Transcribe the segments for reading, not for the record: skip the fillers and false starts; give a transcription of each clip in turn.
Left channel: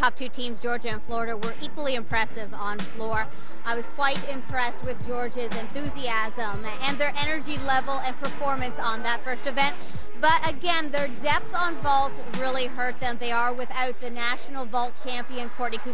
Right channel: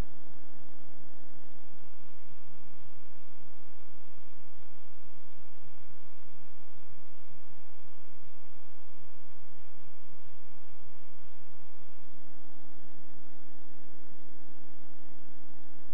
top two teams, Georgia and Florida, were equally impressive on floor. I was quite impressed with Georgia's enthusiasm and their energy level and performance on that first event. But again, their depth on vault really hurt them. They are without the national vault champion, Courtney, who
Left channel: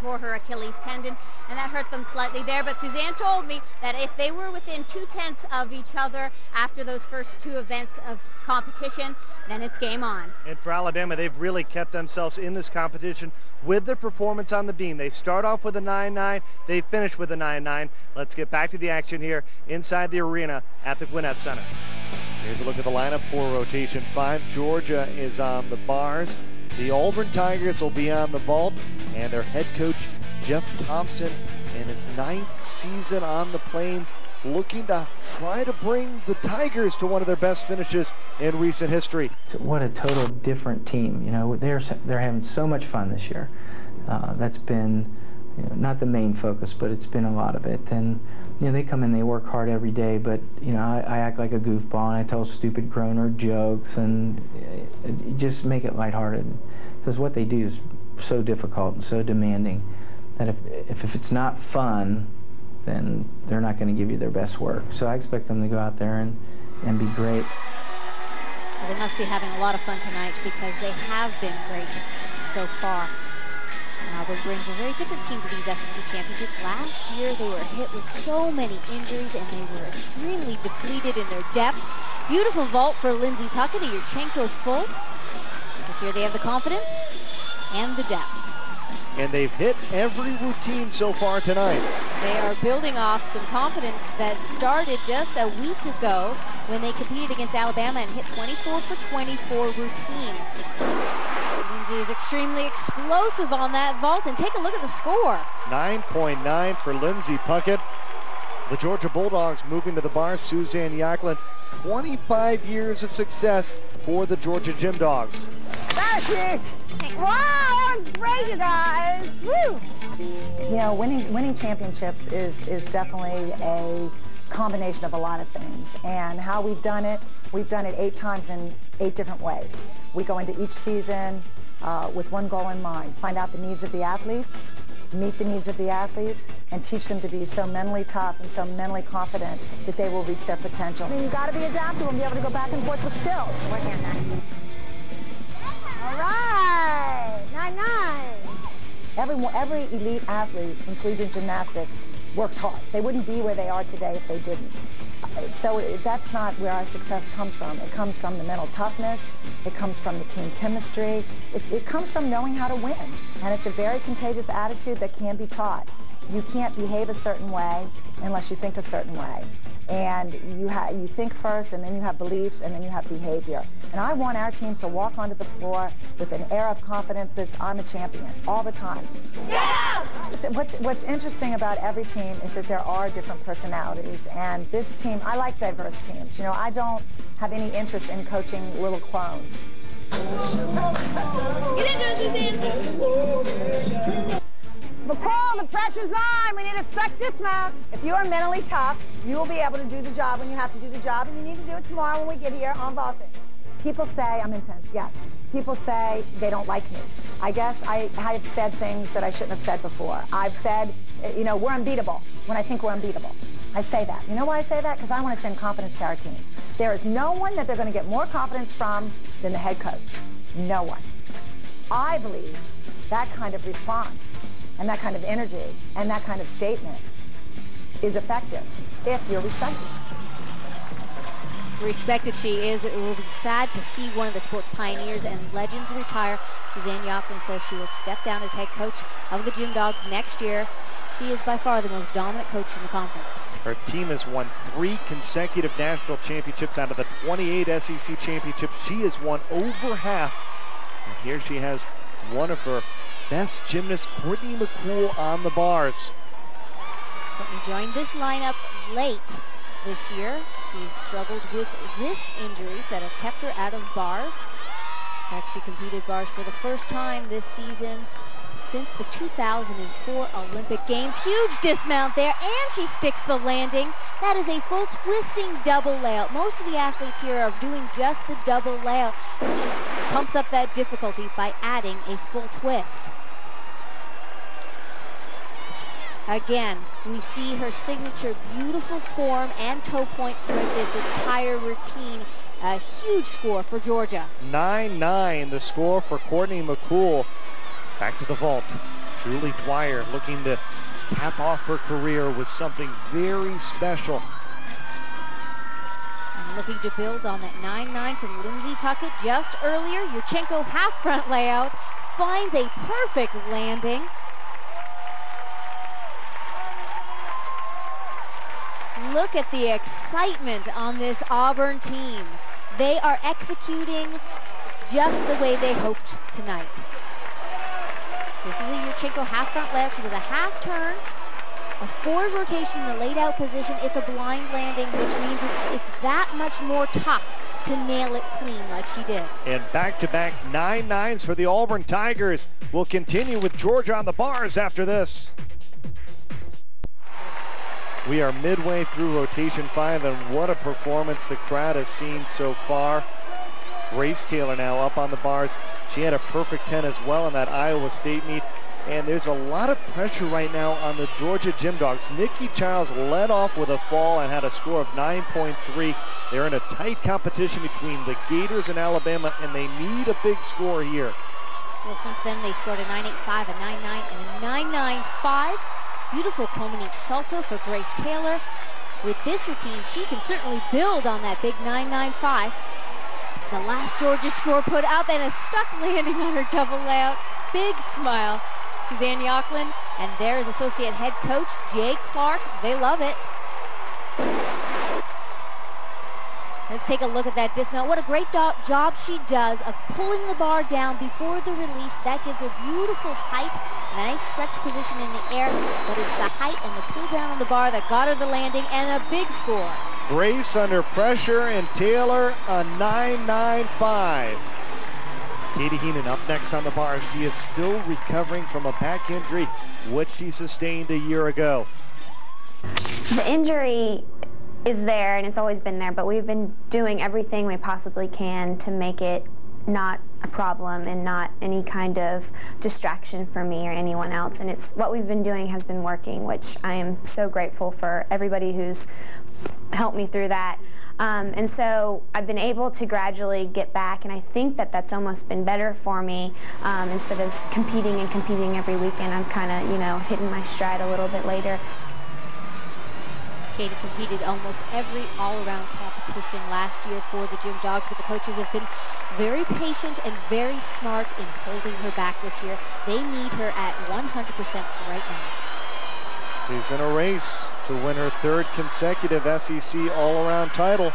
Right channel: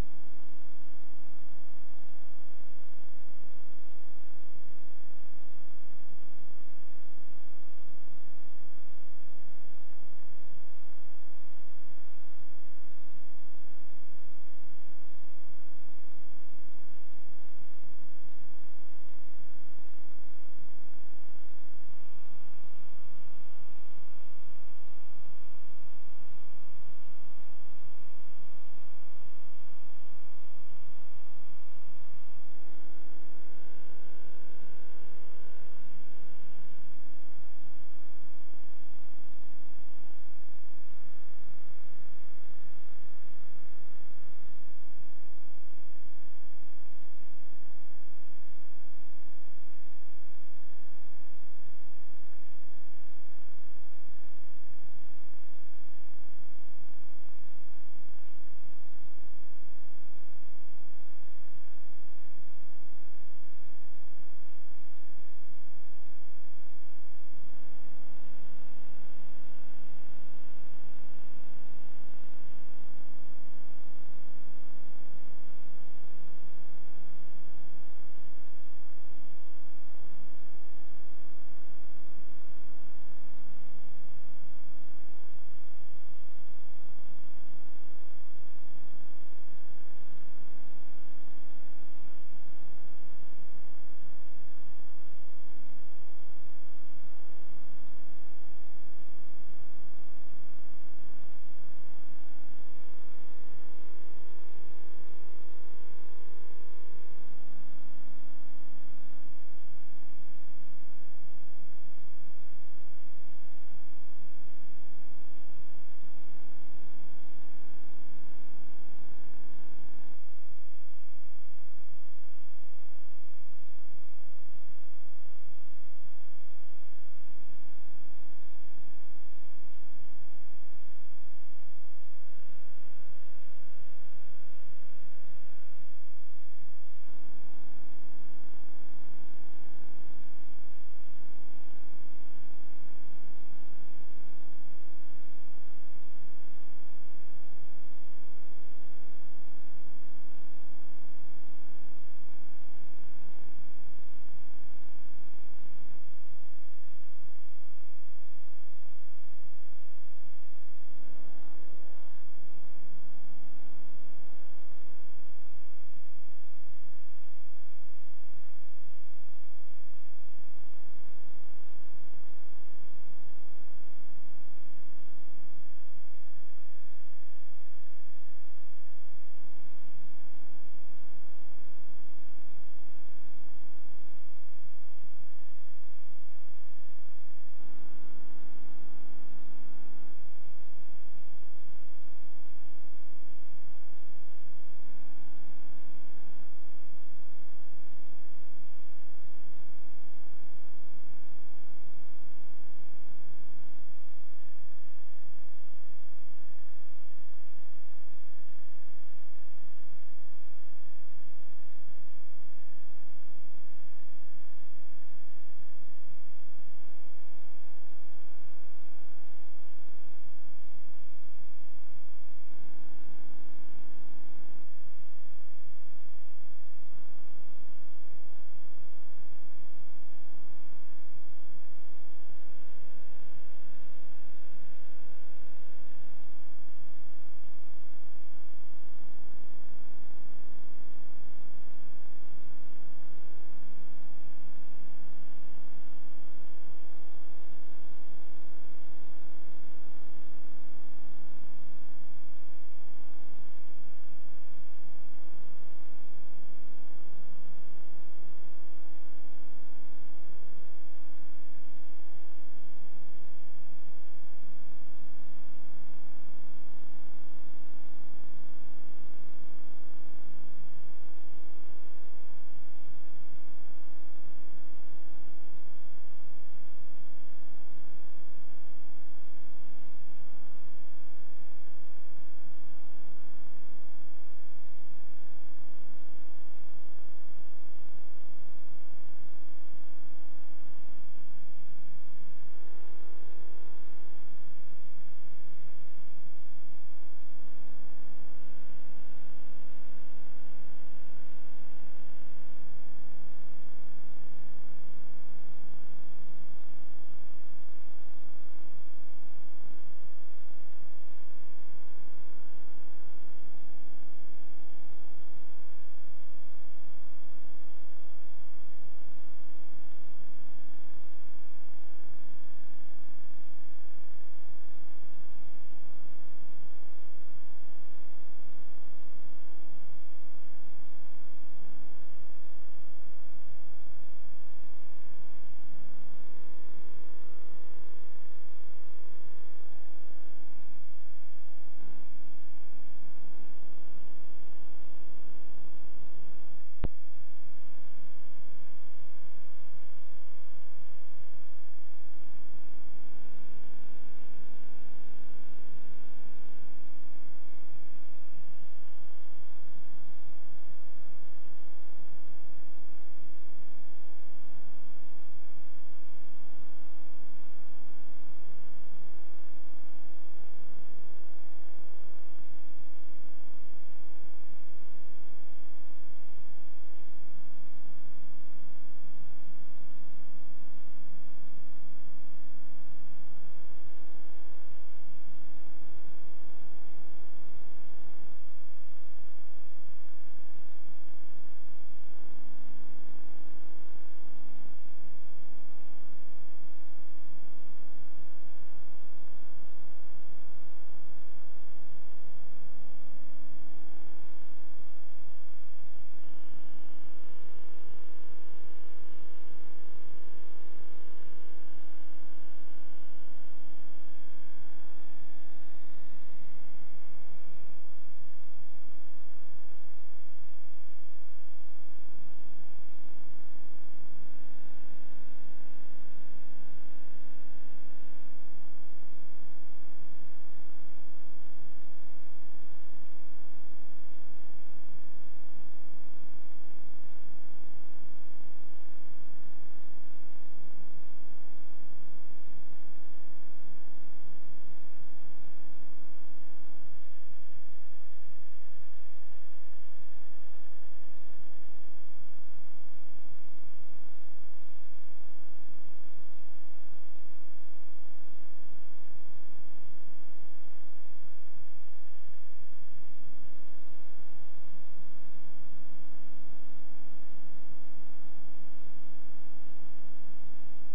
tore her Achilles tendon, and that hurt them slightly there. But Suzanne told me that if they were within 2/10 of each other after those first two events of competition, then it's game on. And for Alabama, they've really kept themselves in this competition with their performance on the beam. They start off with a 9-9, they finish with a 9-9. Let's get back to the action here inside the arena at the Gwinnett Center. Here's a look at the lineup for rotation 5. Georgia is on the bars. The Auburn Tigers will be on the vault, and their head coach, Jeff Thompson, in his 9th season on the Plains, looking to try to bring the Tigers to one of their best finishes in recent history. What a total different team. You know, they're having so much fun this year. That's been, you know, not the main focus, but it's been a lot of it. And you know, they come in, they work hard every day, but you know, I act like a goofball and I tell stupid groaner jokes and just make it lighthearted, because what they do is so difficult and so demanding that if it's not fun, then they're not going to give you their best work. So I expect them to go out there and be great. Well, they must be having a lot of fun tonight because they have been great so far. Auburn brings a very different team to these SEC championships. Last year they were hit with so many injuries and they were extremely depleted in their depth. Beautiful vault for Lindsey Puckett, a Yurchenko full. This year they have the confidence and the depth. And they've hit every routine so far tonight. They are building off some confidence that started just a week ago when they competed against Alabama and hit 24 for 24 routines. Lindsey is extremely explosive on that vault, and take a look at the score. 9.9 for Lindsey Puckett. The Georgia Bulldogs moving to the bar. Suzanne Yacklin, 25 years of success for the Georgia Gym Dogs. That's it! Wow, that was great, you guys! Woo! You know, winning championships is definitely a combination of a lot of things. And how we've done it 8 times in 8 different ways. We go into each season with one goal in mind: find out the needs of the athletes, meet the needs of the athletes, and teach them to be so mentally tough and so mentally confident that they will reach their potential. I mean, you got to be adaptable and be able to go back and forth with skills. Working on that. All right, 9-9. Every elite athlete in collegiate gymnastics works hard. They wouldn't be where they are today if they didn't. So that's not where our success comes from. It comes from the mental toughness. It comes from the team chemistry. It comes from knowing how to win. And it's a very contagious attitude that can be taught. You can't behave a certain way unless you think a certain way. And you think first, and then you have beliefs, and then you have behavior. And I want our team to walk onto the floor with an air of confidence that I'm a champion all the time. Yeah! What's interesting about every team is that there are different personalities. And this team, I like diverse teams. You know, I don't have any interest in coaching little clones. McCool, the pressure's on. We need to expect dismount. If you are mentally tough, you will be able to do the job when you have to do the job, and you need to do it tomorrow when we get here on vaulting. People say I'm intense, yes. People say they don't like me. I guess I have said things that I shouldn't have said before. I've said, you know, we're unbeatable when I think we're unbeatable. I say that. You know why I say that? Because I want to send confidence to our team. There is no one that they're going to get more confidence from than the head coach. No one. I believe that kind of response and that kind of energy and that kind of statement is effective if you're respected. Respected she is. It will be sad to see one of the sport's pioneers and legends retire. Suzanne Yacklin says she will step down as head coach of the Gym Dogs next year. She is by far the most dominant coach in the conference. Her team has won 3 consecutive national championships out of the 28 SEC championships. She has won over half. And here she has one of her best gymnasts, Courtney McCool, on the bars. Courtney joined this lineup late this year. She's struggled with wrist injuries that have kept her out of bars. In fact, she competed bars for the first time this season since the 2004 Olympic Games. Huge dismount there, and she sticks the landing. That is a full twisting double layout. Most of the athletes here are doing just the double layout. She pumps up that difficulty by adding a full twist. Again, we see her signature beautiful form and toe point throughout this entire routine. A huge score for Georgia. 9-9 the score for Courtney McCool. Back to the vault. Julie Dwyer looking to cap off her career with something very special. And looking to build on that 9-9 from Lindsey Puckett just earlier. Yurchenko half front layout finds a perfect landing. Look at the excitement on this Auburn team. They are executing just the way they hoped tonight. This is a Yurchenko half front layout. She does a half turn, a forward rotation in a laid out position. It's a blind landing, which means it's that much more tough to nail it clean like she did. And back-to-back 9-9s for the Auburn Tigers. We'll continue with Georgia on the bars after this. We are midway through rotation 5, and what a performance the crowd has seen so far. Grace Taylor now up on the bars. She had a perfect 10 as well in that Iowa State meet. And there's a lot of pressure right now on the Georgia Gym Dogs. Nikki Childs led off with a fall and had a score of 9.3. They're in a tight competition between the Gators and Alabama, and they need a big score here. Well, since then they scored a 9.85, a 9.9, and a 9.95. Beautiful Comanche salto for Grace Taylor. With this routine, she can certainly build on that big 9.95. The last Georgia score put up and a stuck landing on her double layout. Big smile. Suzanne Yocklin, and there is associate head coach Jay Clark. They love it. Let's take a look at that dismount. What a great job she does of pulling the bar down before the release. That gives her beautiful height, nice stretch position in the air, but it's the height and the pull down on the bar that got her the landing and a big score. Grace under pressure, and Taylor a 9.95. Katie Heenan up next on the bar. She is still recovering from a back injury, which she sustained a year ago. The injury is there, and it's always been there, but we've been doing everything we possibly can to make it not a problem and not any kind of distraction for me or anyone else. And it's what we've been doing has been working, which I am so grateful for everybody who's helped me through that. And so I've been able to gradually get back, and I think that that's almost been better for me. Instead of competing every weekend, I'm kind of, hitting my stride a little bit later. Katie competed almost every all-around competition last year for the Gym Dogs, but the coaches have been very patient and very smart in holding her back this year. They need her at 100% right now. She's in a race to win her third consecutive SEC all-around title.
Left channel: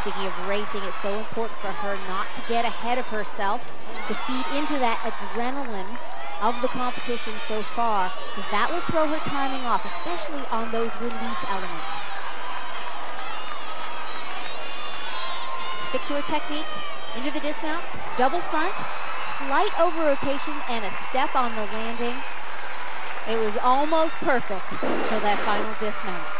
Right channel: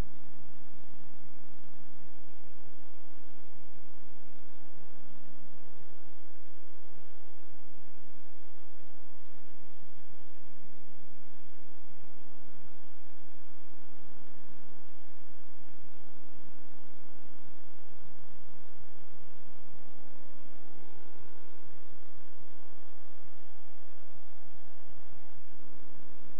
Speaking of racing, it's so important for her not to get ahead of herself, to feed into that adrenaline of the competition so far, because that will throw her timing off, especially on those release elements. Stick to her technique, into the dismount, double front, slight over rotation, and a step on the landing. It was almost perfect until that final dismount.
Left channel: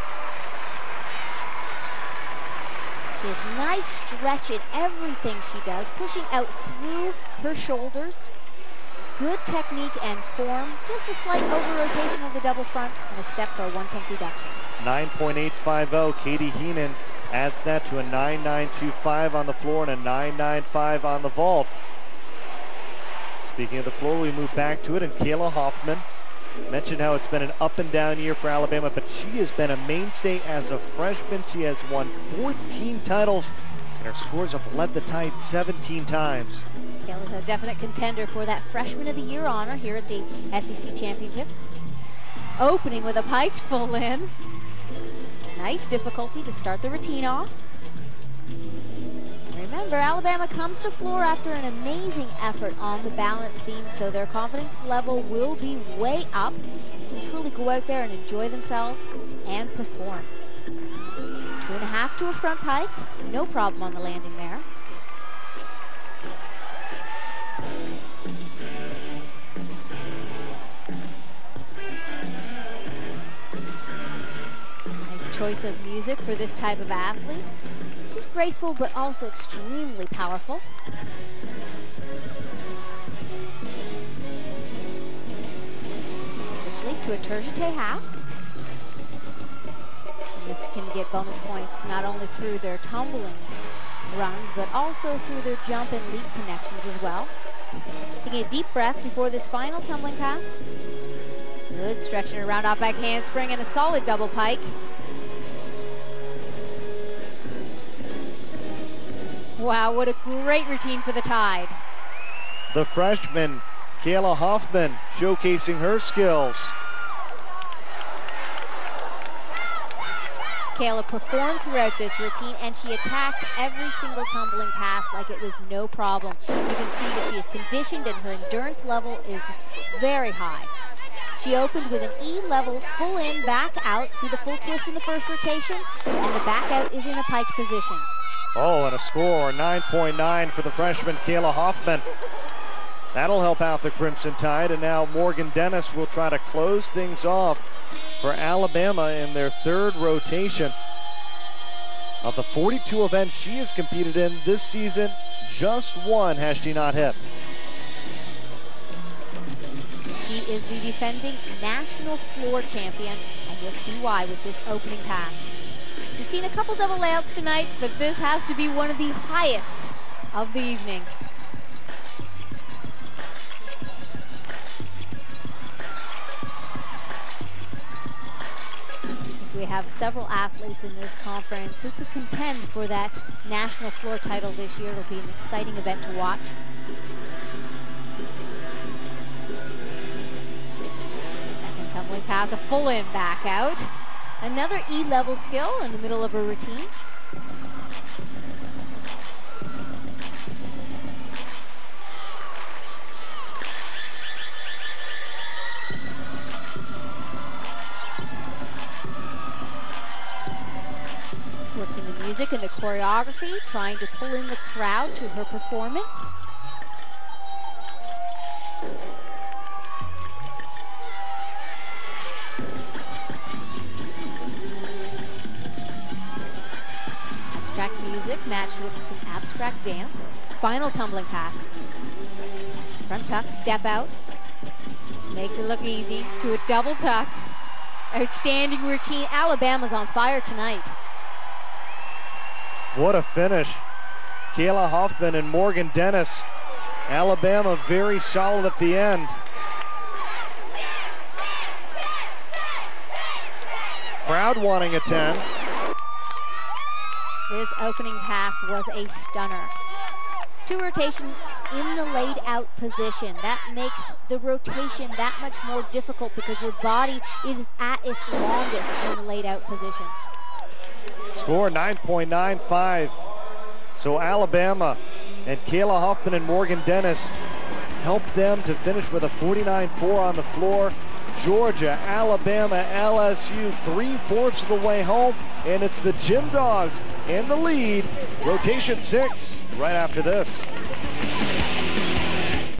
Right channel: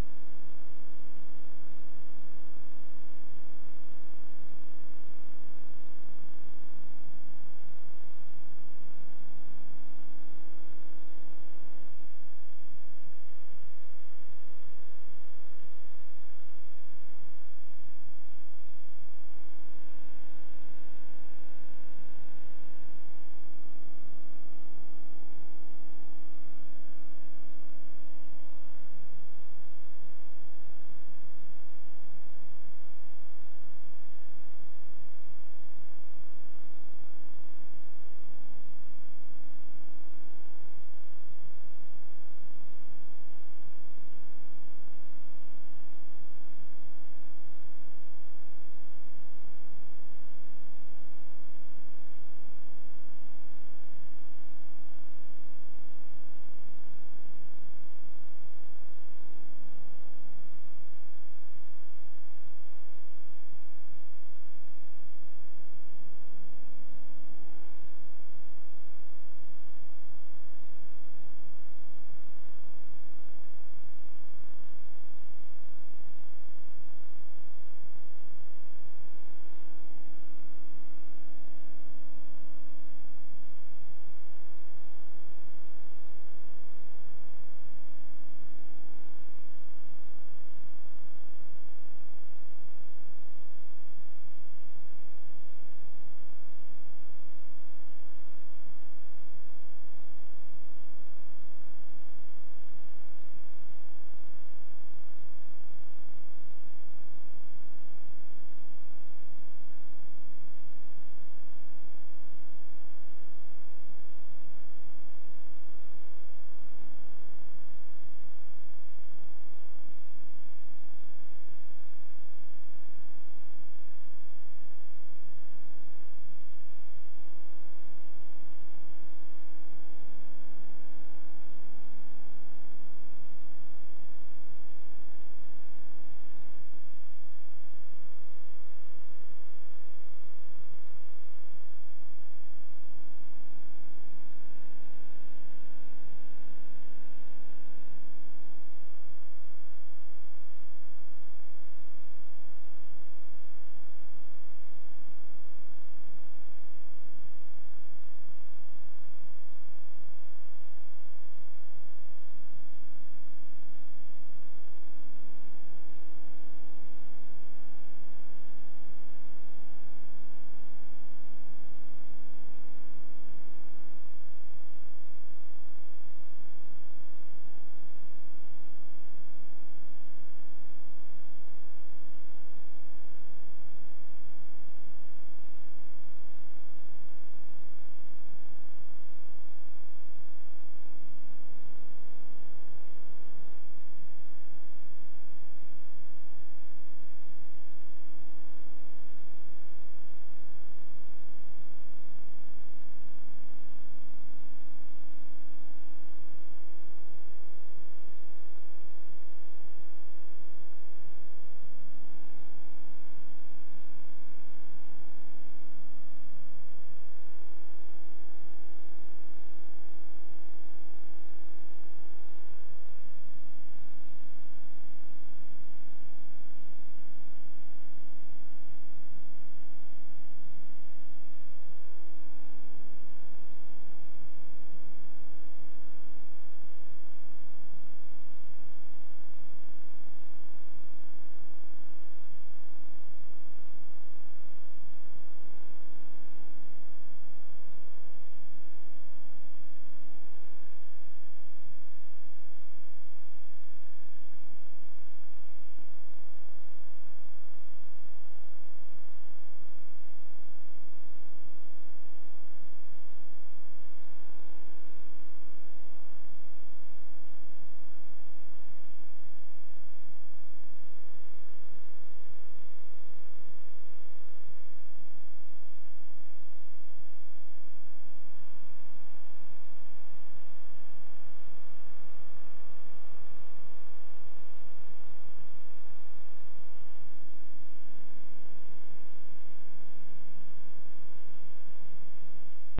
She has nice stretch in everything she does, pushing out through her shoulders. Good technique and form, just a slight over-rotation of the double front and a step for a 1/10 reduction. 9.850, Katie Heenan adds that to a 9.925 on the floor and a 9.95 on the vault. Speaking of the floor, we move back to it, and Kayla Hoffman mentioned how it's been an up and down year for Alabama, but she has been a mainstay as a freshman. She has won 14 titles, and her scores have led the Tide 17 times. Kayla's a definite contender for that Freshman of the Year honor here at the SEC Championship. Opening with a piked full in. Nice difficulty to start the routine off. Remember, Alabama comes to floor after an amazing effort on the balance beam, so their confidence level will be way up. They can truly go out there and enjoy themselves and perform. 2.5 to a front pike, no problem on the landing there. Nice choice of music for this type of athlete. She's graceful, but also extremely powerful. Turgeté half. This can get bonus points not only through their tumbling runs, but also through their jump and leap connections as well. Taking a deep breath before this final tumbling pass. Good, stretching around off back handspring and a solid double pike. Wow, what a great routine for the Tide. The freshman, Kayla Hoffman, showcasing her skills. Kayla performed throughout this routine, and she attacked every single tumbling pass like it was no problem. You can see that she is conditioned and her endurance level is very high. She opened with an E-level full in, back out. See the full twist in the first rotation, and the back out is in a pike position. Oh, and a score, 9.9 for the freshman, Kayla Hoffman. That'll help out the Crimson Tide, and now Morgan Dennis will try to close things off for Alabama in their third rotation. Of the 42 events she has competed in this season, just one has she not hit. She is the defending national floor champion, and you'll see why with this opening pass. We've seen a couple double layouts tonight, but this has to be one of the highest of the evening. We have several athletes in this conference who could contend for that national floor title this year. It'll be an exciting event to watch. Second tumbling pass, a full in, back out. Another E-level skill in the middle of a routine. Working the music and the choreography, trying to pull in the crowd to her performance. Music matched with some abstract dance. Final tumbling pass. Front tuck, step out. Makes it look easy to a double tuck. Outstanding routine. Alabama's on fire tonight. What a finish. Kayla Hoffman and Morgan Dennis. Alabama very solid at the end. Crowd wanting a 10. This opening pass was a stunner. Two rotation in the laid out position. That makes the rotation that much more difficult because your body is at its longest in the laid out position. Score 9.95. So Alabama and Kayla Hoffman and Morgan Dennis helped them to finish with a 49.4 on the floor. Georgia, Alabama, LSU, 3/4 of the way home, and it's the Gym Dogs in the lead. Rotation 6 right after this.